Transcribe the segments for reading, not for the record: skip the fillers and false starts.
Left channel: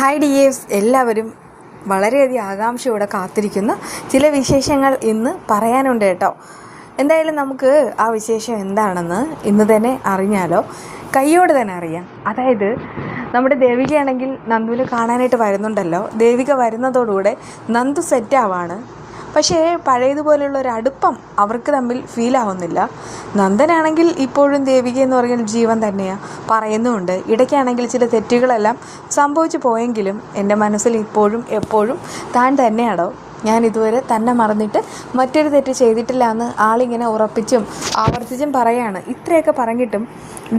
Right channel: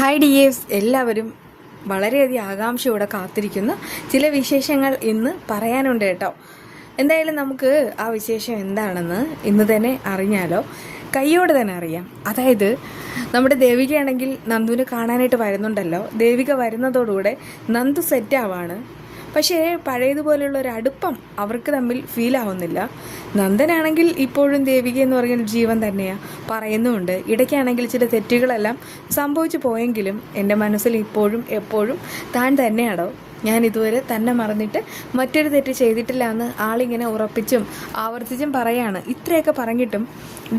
Hi dears, എല്ലാവരും വളരെയധികം ആകാംക്ഷയോടെ കാത്തിരിക്കുന്ന ചില വിശേഷങ്ങൾ ഇന്ന് പറയാനുണ്ട് കേട്ടോ. എന്തായാലും നമുക്ക് ആ വിശേഷം എന്താണെന്ന് ഇന്ന് തന്നെ അറിഞ്ഞാലോ? കയ്യോടെ തന്നെ അറിയാം. അതായത് നമ്മുടെ ദേവികയാണെങ്കിൽ നന്ദുവിനെ കാണാനായിട്ട് വരുന്നുണ്ടല്ലോ. ദേവിക വരുന്നതോടുകൂടെ നന്ദു സെറ്റാവാണ്. പക്ഷേ പഴയതുപോലെയുള്ള ഒരു അടുപ്പം അവർക്ക് തമ്മിൽ ഫീൽ ആവുന്നില്ല. നന്ദനാണെങ്കിൽ ഇപ്പോഴും ദേവിക എന്ന് പറയുന്ന ജീവൻ തന്നെയാണ് പറയുന്നുമുണ്ട്. ഇടയ്ക്കാണെങ്കിൽ ചില തെറ്റുകളെല്ലാം സംഭവിച്ചു പോയെങ്കിലും എൻ്റെ മനസ്സിൽ ഇപ്പോഴും എപ്പോഴും താൻ തന്നെയാണോ. ഞാൻ ഇതുവരെ തന്നെ മറന്നിട്ട് മറ്റൊരു തെറ്റ് ചെയ്തിട്ടില്ല എന്ന് ആളിങ്ങനെ ഉറപ്പിച്ചും ആവർത്തിച്ചും പറയാണ്. ഇത്രയൊക്കെ പറഞ്ഞിട്ടും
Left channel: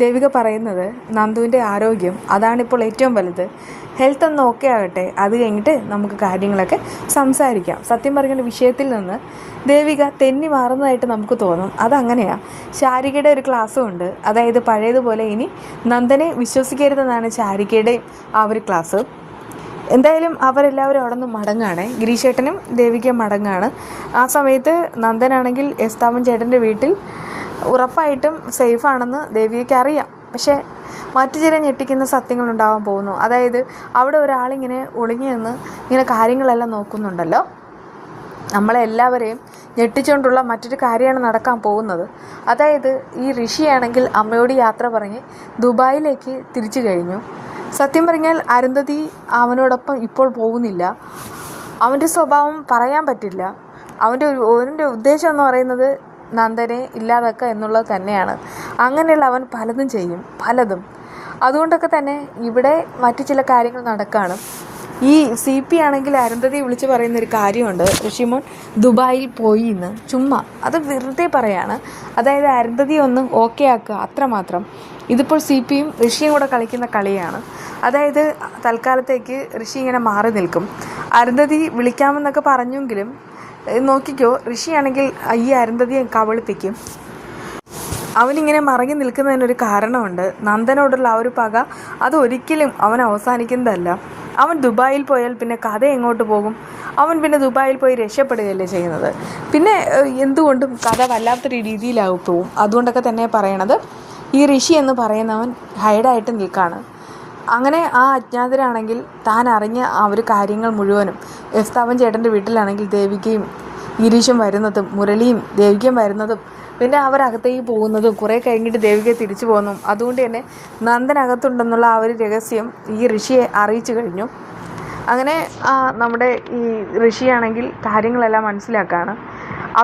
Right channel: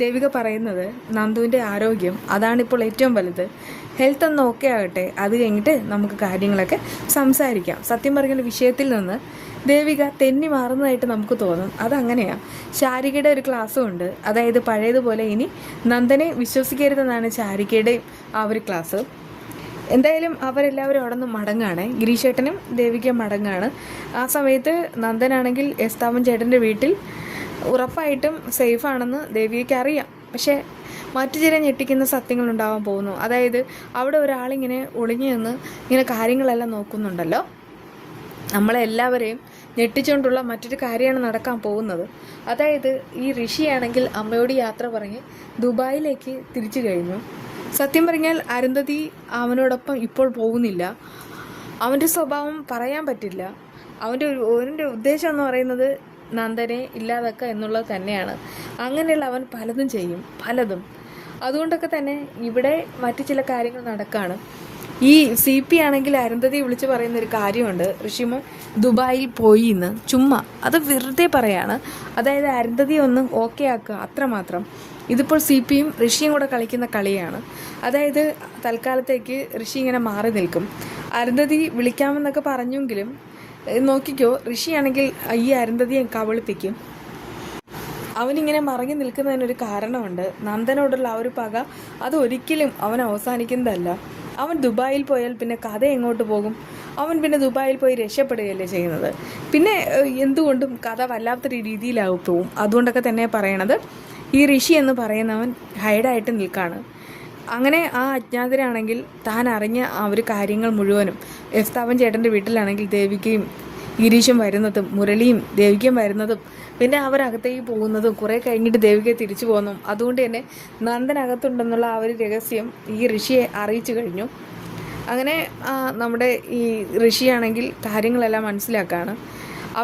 ദേവിക പറയുന്നത് നന്ദുവിൻ്റെ ആരോഗ്യം അതാണിപ്പോൾ ഏറ്റവും വലുത്. ഹെൽത്ത് ഒന്ന് ഓക്കെ ആകട്ടെ, അത് കഴിഞ്ഞിട്ട് നമുക്ക് കാര്യങ്ങളൊക്കെ സംസാരിക്കാം. സത്യം പറഞ്ഞ വിഷയത്തിൽ നിന്ന് ദേവിക തെന്നി മാറുന്നതായിട്ട് നമുക്ക് തോന്നും. അതങ്ങനെയാണ്. ശാരികയുടെ ഒരു ക്ലാസ്സും ഉണ്ട്. അതായത് പഴയതുപോലെ ഇനി നന്ദനെ വിശ്വസിക്കരുതെന്നാണ് ശാരികയുടെയും ആ ഒരു ക്ലാസ്. എന്തായാലും അവരെല്ലാവരും അവിടെ നിന്ന് മടങ്ങാണ്. ഗിരീഷേട്ടനും ദേവികയും മടങ്ങാണ്. ആ സമയത്ത് നന്ദനാണെങ്കിൽ എസ്താവൻ ചേട്ടൻ്റെ വീട്ടിൽ ഉറപ്പായിട്ടും സേഫാണെന്ന് ദേവികയ്ക്ക് അറിയാം. പക്ഷേ മറ്റു ചില ഞെട്ടിക്കുന്ന സത്യങ്ങളുണ്ടാവാൻ പോകുന്നു. അതായത് അവിടെ ഒരാളിങ്ങനെ ഒളിഞ്ഞു നിന്ന് ഇങ്ങനെ കാര്യങ്ങളെല്ലാം നോക്കുന്നുണ്ടല്ലോ. നമ്മളെല്ലാവരെയും ഞെട്ടിച്ചുകൊണ്ടുള്ള മറ്റൊരു കാര്യമാണ് നടക്കാൻ പോകുന്നത്. അതായത് ഈ ഋഷിയാണെങ്കിൽ അമ്മയോട് യാത്ര പറഞ്ഞ് ദുബായിലേക്ക് തിരിച്ചു കഴിഞ്ഞു. സത്യം പറഞ്ഞാൽ അരുന്ധതി അവനോടൊപ്പം ഇപ്പോൾ പോകുന്നില്ല. അവൻ്റെ സ്വഭാവം പറയാൻ പറ്റില്ല. അവൻ്റെ ഉദ്ദേശം എന്ന് പറയുന്നത് നന്ദനെ ഇല്ലാതാക്കുക എന്നുള്ളത് തന്നെയാണ്. അങ്ങനെയുള്ള അവൻ പലതും ചെയ്യും, പലതും. അതുകൊണ്ടൊക്കെ തന്നെ ഇവിടെ മറ്റു ചില കാര്യങ്ങൾ നടക്കുകയാണ്. ഈ CP ആണെങ്കിൽ അരുന്ധതി വിളിച്ച് പറയുന്നൊരു കാര്യമുണ്ട്, ഋഷിമോൻ ദുബായിൽ പോയി എന്ന്. ചുമ്മാ അത് വെറുതെ പറയാണ്. അതായത് അരുന്ധതി ഒന്ന് ഓക്കെ ആക്കുക, അത്രമാത്രം. ഇതിപ്പോൾ CPയും ഋഷിയും കൂടെ കളിക്കുന്ന കളിയാണ്. അതായത് തൽക്കാലത്തേക്ക് ഋഷി ഇങ്ങനെ മാറി നിൽക്കും. അരുന്ധതി വിളിക്കാമെന്നൊക്കെ പറഞ്ഞെങ്കിലും നോക്കിക്കോ, ഋഷിയാണെങ്കിൽ ഈ അരുന്ധതിയെ കബളിപ്പിക്കും. അവനിങ്ങനെ മറങ്ങി നിൽക്കുന്നതിനൊരു കാരണമുണ്ട്. നന്ദനോടുള്ള ആ ഒരു പക അതൊരിക്കലും അവൻ അവസാനിക്കുന്നതല്ല. അവൻ ദുബായിൽ പോയാൽ പിന്നെ കഥ എങ്ങോട്ട് പോകും? അവൻ പിന്നെ ദുബായിൽ പോയി രക്ഷപ്പെടുകയല്ലേ ചെയ്യുന്നത്. പിന്നെ എന്തുകൊണ്ടും കഥ വല്ലാത്തൊരു രീതിയിലാവും പോവും. അതുകൊണ്ടൊക്കെ തന്നെ പറയണത് ഈ ഋഷി എന്ന് പറയുന്നവൻ ഹൈഡായിട്ട് നിൽക്കുകയാണ്. അങ്ങനെ ആ അജ്ഞാതരാണെങ്കിൽ താൻ അറിഞ്ഞ ആ ഒരു കാര്യങ്ങൾ മുഴുവനും എസ്താവൻ ചേട്ടൻ്റെ വീട്ടിലാണെങ്കിൽ ദേവികയും ഗിരീഷും വരുന്നതും മുരളിയും ദേവികയും വരുന്നതും പിന്നെ അവരകത്തേക്ക് പോകുന്നതും കുറേ കഴിഞ്ഞിട്ട് ദേവിക തിരിച്ചു പോകുന്നു. അതുകൊണ്ട് തന്നെ നന്ദനകത്തുണ്ടെന്നുള്ള ആ ഒരു രഹസ്യം ഈ ഋഷിയെ അറിയിച്ചു കഴിഞ്ഞു. അങ്ങനെ നമ്മുടെ ഈ ഋഷിയാണെങ്കിൽ കാര്യങ്ങളെല്ലാം മനസ്സിലാക്കുകയാണ്.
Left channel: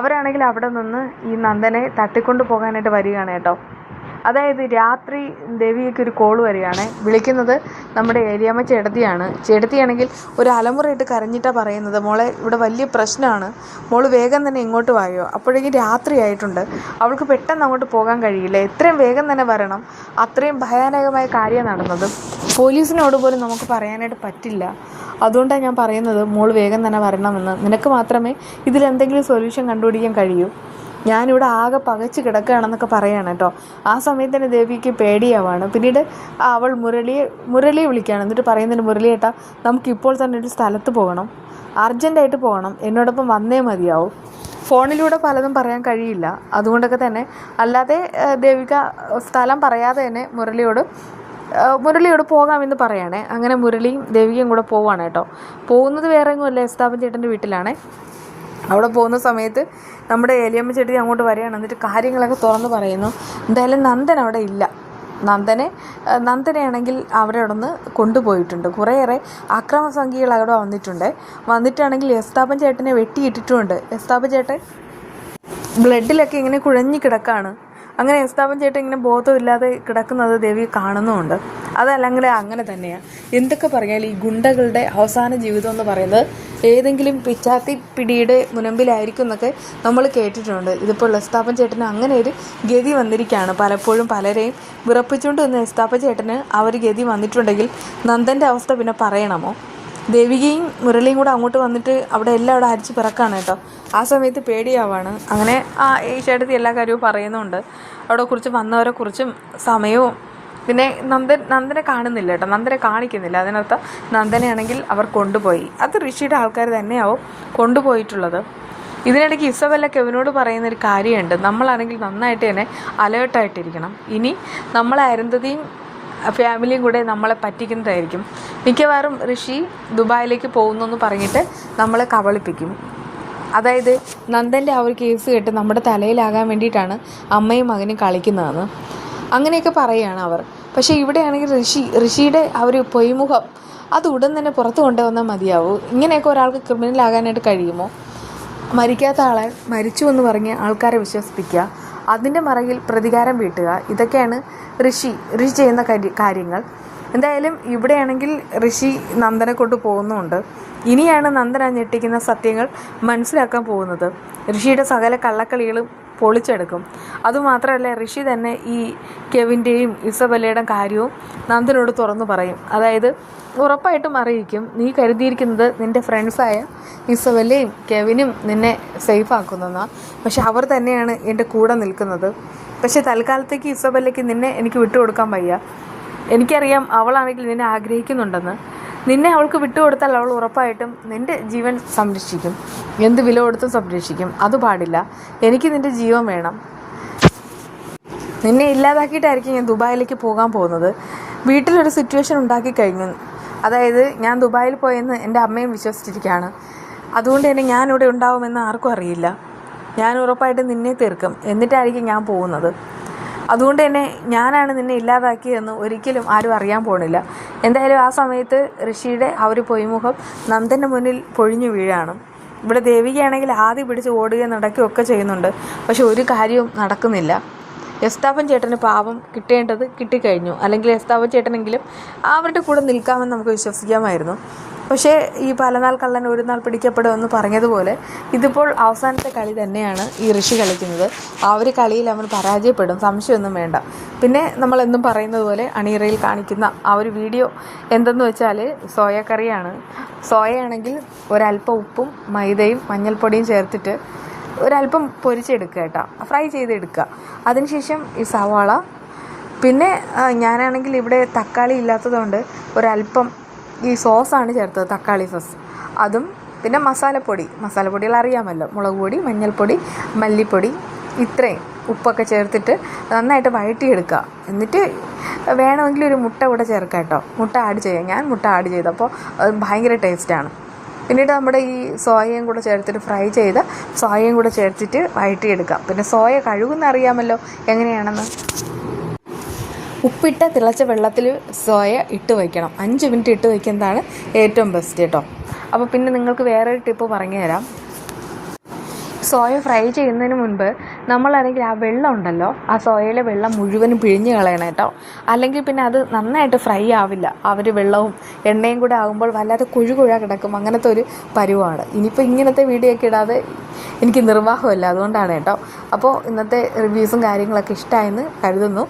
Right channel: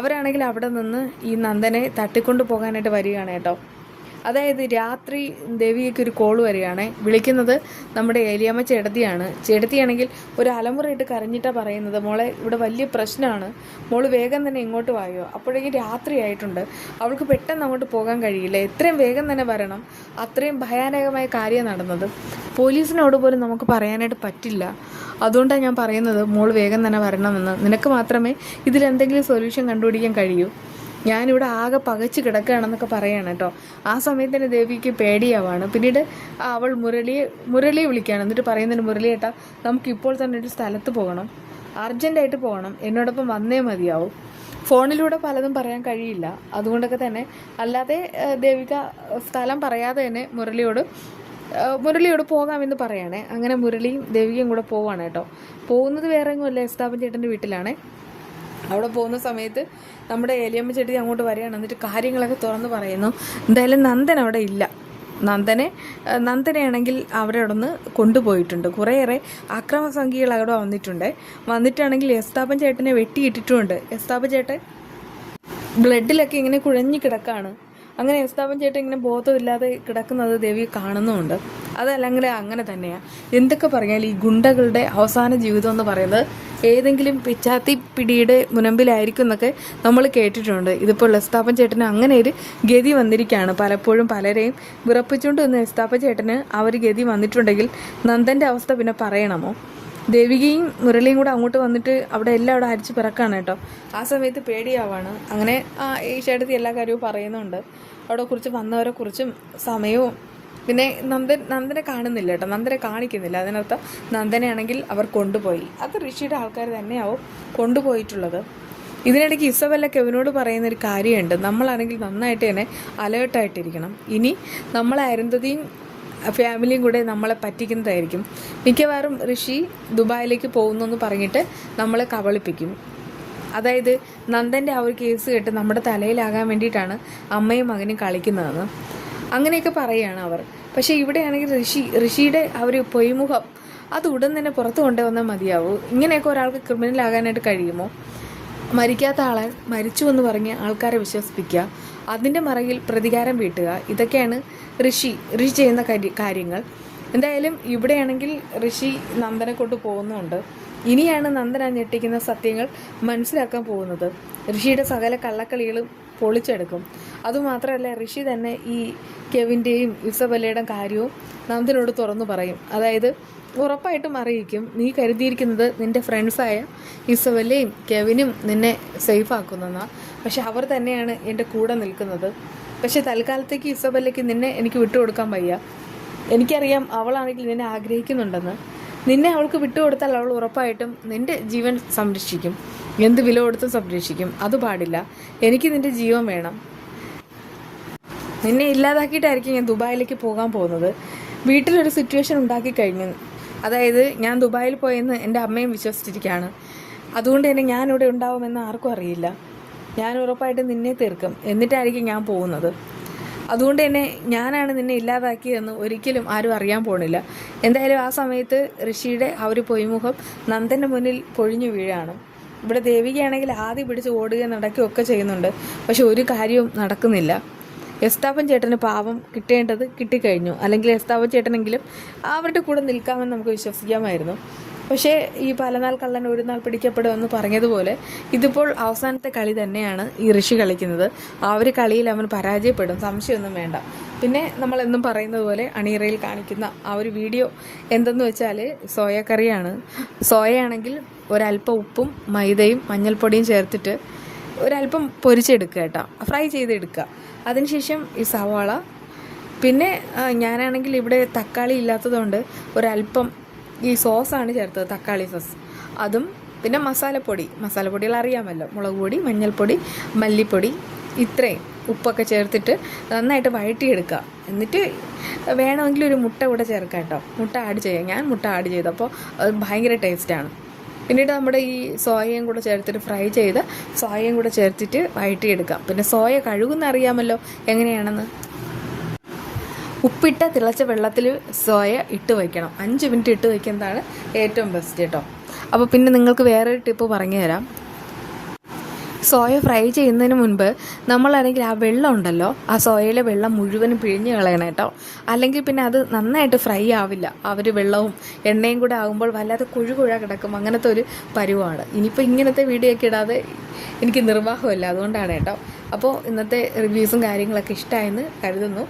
അവരാണെങ്കിൽ അവിടെ നിന്ന് ഈ നന്ദനെ തട്ടിക്കൊണ്ട് പോകാനായിട്ട് വരികയാണ് കേട്ടോ. അതായത് രാത്രി ദേവികയ്ക്ക് ഒരു കോൾ വരികയാണ്. വിളിക്കുന്നത് നമ്മുടെ ഏലിയമ്മ ചേട്ടത്തിയാണ്. ചേട്ടത്തിയാണെങ്കിൽ ഒരു അലമുറയിട്ട് കരഞ്ഞിട്ടാണ് പറയുന്നത്, മോളെ ഇവിടെ വലിയ പ്രശ്നമാണ്, മോള് വേഗം തന്നെ ഇങ്ങോട്ട് വായോ. അപ്പോഴേക്കും രാത്രിയായിട്ടുണ്ട്. അവൾക്ക് പെട്ടെന്ന് അങ്ങോട്ട് പോകാൻ കഴിയില്ല, എത്രയും വേഗം തന്നെ വരണം. അത്രയും ഭയാനകമായ കാര്യം നടന്നത്. പോലീസിനോട് പോലും നമുക്ക് പറയാനായിട്ട് പറ്റില്ല. അതുകൊണ്ടാണ് ഞാൻ പറയുന്നത് മോൾ വേഗം തന്നെ വരണമെന്ന്. നിനക്ക് മാത്രമേ ഇതിലെന്തെങ്കിലും സൊല്യൂഷൻ കണ്ടുപിടിക്കാൻ കഴിയൂ. ഞാനിവിടെ ആകെ പകച്ച് കിടക്കുകയാണെന്നൊക്കെ പറയുകയാണ് കേട്ടോ. ആ സമയത്ത് തന്നെ ദേവിക്ക് പേടിയാവാണ്. പിന്നീട് അവൾ മുരളിയെ വിളിക്കുകയാണ്. എന്നിട്ട് പറയുന്നതിന്, മുരളിയേട്ടാ നമുക്കിപ്പോൾ തന്നെ ഒരു സ്ഥലത്ത് പോകണം, അർജൻറ്റായിട്ട് പോകണം, എന്നോടൊപ്പം വന്നേ മതിയാവും. ഫോണിലൂടെ പലതും പറയാൻ കഴിയില്ല. അതുകൊണ്ടൊക്കെ തന്നെ അല്ലാതെ ദേവിക സ്ഥലം പറയാതെ തന്നെ മുരളിയോട് പോകാമെന്ന് പറയുകയാണേ. അങ്ങനെ മുരളിയും ദേവികയും കൂടെ പോവാണ് കേട്ടോ. പോകുന്നത് വേറെ എങ്ങുമല്ല, എസ്താവൻ ചേട്ടൻ്റെ വീട്ടിലാണ്. അവിടെ പോകുന്ന സമയത്ത് നമ്മുടെ ഏലിയമ്മ ചേട്ടി അങ്ങോട്ട് വരികയാണ്. എന്നിട്ട് കാര്യങ്ങളൊക്കെ തുറന്ന് പറയുന്നു. എന്തായാലും നന്ദൻ അവിടെ ഇല്ല. നന്ദനെയാണെങ്കിൽ അവിടെ നിന്ന് കൊണ്ടുപോയിട്ടുണ്ട്. കുറേയേറെ അക്രമസംഖ്യകൾ അവിടെ വന്നിട്ടാണെങ്കിൽ എസ്താപ്പൻ ചേട്ടനെ വെട്ടിയിട്ടിട്ടുമുണ്ട്. എസ്താപ്പൻ ചേട്ടൻ ബ്ലഡിലൊക്കെ ഇങ്ങനെ കുഴഞ്ഞു കിടക്കുകയാണ്. അങ്ങനെ എസ്താപ്പൻ ചേട്ടൻ ഇങ്ങനെ ബോധമില്ലാതെ കിടക്കുന്നത് ദേവി കാണുന്നുമുണ്ട്. അതല്ലെങ്കിൽ അങ്ങനെ തന്നെയാണ്. എന്തൊക്കെ പറഞ്ഞാൽ ഈ ഗുണ്ടകളുടെ അവസാന ജീവിതം എന്ന് പറയുന്നത് ഏതെങ്കിലും പിച്ചാത്തി പിടിയുടെ മുനമ്പിലായിരിക്കും എന്നൊക്കെ നമ്മൾ കേട്ടിട്ടുണ്ട്. ഇതിപ്പോൾ എസ്താപ്പൻ ചേട്ടന് അങ്ങനെ ഒരു ഗതി വന്നിരിക്കുകയാണ്. പലപ്പോഴും പലരെയും വിറപ്പിച്ചുകൊണ്ട് വന്ന എസ്താപ്പൻ ചേട്ടന് ആ ഒരു ഗതി വന്നിട്ടുണ്ടെങ്കിൽ നന്ദൻ്റെ അവസ്ഥ പിന്നെ പറയണമോ? ദേവികയും മുരളിയും കൂടെ അങ്ങോട്ട് വന്നിട്ട് അവിടെ അരിച്ച് പിറക്കാണ് കേട്ടോ. ആ സമയത്ത് പേടിയാവാണ്. അങ്ങനെ ഈ ചേട്ടത്തി എല്ലാ കാര്യവും പറയുന്നുണ്ട്. അവിടെ കുറിച്ച് വന്നവരെ കുറിച്ചും സമയവും. പിന്നെ നന്ദനെ കാണുന്നില്ല കേട്ടോ, നന്ദനെ കാണിക്കുന്നില്ല. അതിനർത്ഥം നന്ദനെയാണെങ്കിൽ അവർ കൊണ്ടുപോയി. അത് ഋഷിയുടെ ആൾക്കാർ തന്നെയാവും കൊണ്ടുപോയിട്ടുള്ളത്. ഇതിനിടയ്ക്ക് ഇസബെല്ല കെവിനോട് പറയുന്നൊരു കാര്യമുണ്ട്, നമ്മളാണെങ്കിൽ നന്നായിട്ട് തന്നെ അലേർട്ടായിട്ടിരിക്കണം. ഇനി നമ്മളെ അരുന്ധതിയും ഫാമിലിയും കൂടെ നമ്മളെ പറ്റിക്കുന്നതായിരിക്കും. മിക്കവാറും ഋഷി ദുബായിലേക്ക് പോകുന്നു എന്ന് പറഞ്ഞിട്ട് നമ്മളെ കബളിപ്പിക്കും. അതായത് നന്ദൻ്റെ ആ ഒരു കേസ് കേട്ട് നമ്മുടെ തലയിലാകാൻ വേണ്ടിയിട്ടാണ് അമ്മയും മകനും കളിക്കുന്നതെന്ന് അങ്ങനെയൊക്കെ പറയുകയാണ് അവർ. പക്ഷേ ഇവിടെയാണെങ്കിൽ ഋഷിയുടെ ആ ഒരു പൊയ്മുഖം അത് ഉടൻ തന്നെ പുറത്ത് കൊണ്ടുവന്നാൽ മതിയാവൂ. ഇങ്ങനെയൊക്കെ ഒരാൾക്ക് ക്രിമിനലാകാനായിട്ട് കഴിയുമോ? മരിക്കാത്ത ആളെ മരിച്ചു എന്ന് പറഞ്ഞ് ആൾക്കാരെ വിശ്വസിപ്പിക്കുക, അതിൻ്റെ മറകിൽ പ്രതികാരം വീട്ടുക, ഇതൊക്കെയാണ് ഋഷി ചെയ്യുന്ന കാര്യങ്ങൾ. എന്തായാലും ഇവിടെയാണെങ്കിൽ ഋഷി നന്ദനെ കൊണ്ട് പോകുന്നുണ്ട്. ഇനിയാണ് നന്ദൻ ആ ഞെട്ടിക്കുന്ന സത്യങ്ങൾ മനസ്സിലാക്കാൻ പോകുന്നത്. ഋഷിയുടെ സകല കള്ളക്കളികളും പൊളിച്ചെടുക്കും. അതുമാത്രമല്ല, ഋഷി തന്നെ ഈ കെവിൻ്റെയും ഇസബെല്ലയുടെയും കാര്യവും നന്ദനോട് തുറന്നു പറയും. അതായത് ഉറപ്പായിട്ടും അറിയിക്കും, നീ കരുതിയിരിക്കുന്നത് നിൻ്റെ ഫ്രണ്ട്സായ ഇസബെല്ലയും കെവിനും നിന്നെ സേഫ് ആക്കുന്നതെന്നാണ്. പക്ഷെ അവർ തന്നെയാണ് എൻ്റെ കൂടെ നിൽക്കുന്നത്. പക്ഷെ തൽക്കാലത്തേക്ക് ഇസബെല്ലയ്ക്ക് നിന്നെ എനിക്ക് വിട്ടുകൊടുക്കാൻ വയ്യ. എനിക്കറിയാം അവളാണെങ്കിൽ നിന്നെ ആഗ്രഹിക്കുന്നുണ്ടെന്ന്. നിന്നെ അവൾക്ക് വിട്ടുകൊടുത്താൽ അവൾ ഉറപ്പായിട്ടും നിൻ്റെ ജീവൻ സംരക്ഷിക്കും, എന്ത് വില കൊടുത്തും സംരക്ഷിക്കും. അത് പാടില്ല. എനിക്ക് നിൻ്റെ ജീവൻ വേണം. നിന്നെ ഇല്ലാതാക്കിയിട്ടായിരിക്കും ഞാൻ ദുബായിലേക്ക് പോകാൻ പോകുന്നത്. വീട്ടിലൊരു സിറ്റുവേഷൻ ഉണ്ടാക്കി കഴിഞ്ഞു. അതായത് ഞാൻ ദുബായിൽ പോയെന്ന് എൻ്റെ അമ്മയും വിശ്വസിച്ചിരിക്കുകയാണ്. അതുകൊണ്ട് തന്നെ ഞാനിവിടെ ഉണ്ടാവുമെന്ന് ആർക്കും അറിയില്ല. ഞാൻ ഉറപ്പായിട്ടും നിന്നെ തീർക്കും, എന്നിട്ടായിരിക്കും ഞാൻ പോകുന്നത്. അതുകൊണ്ട് തന്നെ ഞാനാണ് നിന്നെ ഇല്ലാതാക്കിയതെന്ന് ഒരിക്കലും ആരും അറിയാൻ പോണില്ല. എന്തായാലും ആ സമയത്ത് ഋഷിയുടെ ആ ഒരു പൊയ്മുഖം നന്ദൻ്റെ മുന്നിൽ പൊഴിഞ്ഞു വീഴാണ്. ഇവിടെ ദേവികയാണെങ്കിൽ ആദ്യം പിടിച്ച് ഓടുകയും നടക്കുകയൊക്കെ ചെയ്യുന്നുണ്ട്. പക്ഷെ ഒരു കാര്യവും നടക്കുന്നില്ല. എസ്താപ്പൻ ചേട്ടന് പാവം കിട്ടേണ്ടത് കിട്ടിക്കഴിഞ്ഞു. അല്ലെങ്കിൽ എസ്താപ്പൻ ചേട്ടനെങ്കിലും അവരുടെ കൂടെ നിൽക്കാമെന്ന് നമുക്ക് വിശ്വസിക്കാമായിരുന്നു. പക്ഷേ ഈ പലനാൾ കള്ളൻ ഒരു നാൾ പിടിക്കപ്പെടുമെന്ന് പറഞ്ഞതുപോലെ ഇതിപ്പോൾ അവസാനത്തെ കളി തന്നെയാണ് ഈ ഋഷി കളിക്കുന്നത്. ആ ഒരു കളിയിൽ അവൻ പരാജയപ്പെടും, സംശയമൊന്നും വേണ്ട. പിന്നെ നമ്മളെന്നും പറയുന്നത് പോലെ അണിയറയിൽ കാണിക്കുന്ന ആ ഒരു വീഡിയോ എന്തെന്ന് വെച്ചാൽ സോയ കറിയാണ്. സോയയാണെങ്കിൽ ഒരല്പം ഉപ്പും മൈദയും മഞ്ഞൾപ്പൊടിയും ചേർത്തിട്ട് ഒരല്പം പൊരിച്ചെടുക്കുക കേട്ടോ, ഫ്രൈ ചെയ്തെടുക്കുക. അതിനുശേഷം ഈ സവാള, പിന്നെ ഞാനാണെങ്കിൽ ഇവിടെ തക്കാളി ഇല്ലാത്തതുകൊണ്ട് ഒരല്പം ഈ സോസാണ് ചേർത്തത്, തക്കാളി സോസ്. അതും പിന്നെ മസാലപ്പൊടികൾ അറിയാമല്ലോ, മുളക് പൊടി, മഞ്ഞൾപ്പൊടി, മല്ലിപ്പൊടി, ഇത്രയും ഉപ്പൊക്കെ ചേർത്തിട്ട് നന്നായിട്ട് വഴറ്റിയെടുക്കുക. എന്നിട്ട് വേണമെങ്കിൽ ഒരു മുട്ട കൂടെ ചേർക്കാം കേട്ടോ, മുട്ട ആഡ് ചെയ്യാം. ഞാൻ മുട്ട ആഡ് ചെയ്തപ്പോൾ ഭയങ്കര ടേസ്റ്റാണ്. പിന്നീട് നമ്മുടെ ഈ സോയയും കൂടെ ചേർത്തിട്ട് ഫ്രൈ ചെയ്ത സോയയും കൂടെ ചേർത്തിട്ട് വഴറ്റിയെടുക്കാം. പിന്നെ സോയ കഴുകുന്ന അറിയാമല്ലോ എങ്ങനെയാണെന്ന്. ഉപ്പിട്ട തിളച്ച വെള്ളത്തിൽ സോയ ഇട്ട് വയ്ക്കണം. 5 മിനിറ്റ് ഇട്ട് വയ്ക്കുന്നതാണ് ഏറ്റവും ബെസ്റ്റ് കേട്ടോ. അപ്പോൾ പിന്നെ നിങ്ങൾക്ക് വേറൊരു ടിപ്പ് പറഞ്ഞു തരാം. സോയ ഫ്രൈ ചെയ്യുന്നതിന് മുൻപ് നമ്മളാണെങ്കിൽ ആ വെള്ളം ഉണ്ടല്ലോ, ആ സോയയിലെ വെള്ളം മുഴുവനും പിഴിഞ്ഞ് കളയണം കേട്ടോ. അല്ലെങ്കിൽ പിന്നെ അത് നന്നായിട്ട് ഫ്രൈ ആവില്ല. ആ ഒരു വെള്ളവും എണ്ണയും കൂടെ ആകുമ്പോൾ വല്ലാതെ കുഴ കിടക്കും. അങ്ങനത്തെ ഒരു പരുവാണ്. ഇനിയിപ്പോൾ ഇങ്ങനത്തെ വീഡിയോ ഒക്കെ ഇടാതെ എനിക്ക് നിർവാഹമില്ല, അതുകൊണ്ടാണ് കേട്ടോ. അപ്പോൾ ഇന്നത്തെ റിവ്യൂസും കാര്യങ്ങളൊക്കെ ഇഷ്ടമായെന്ന് കരുതുന്നു.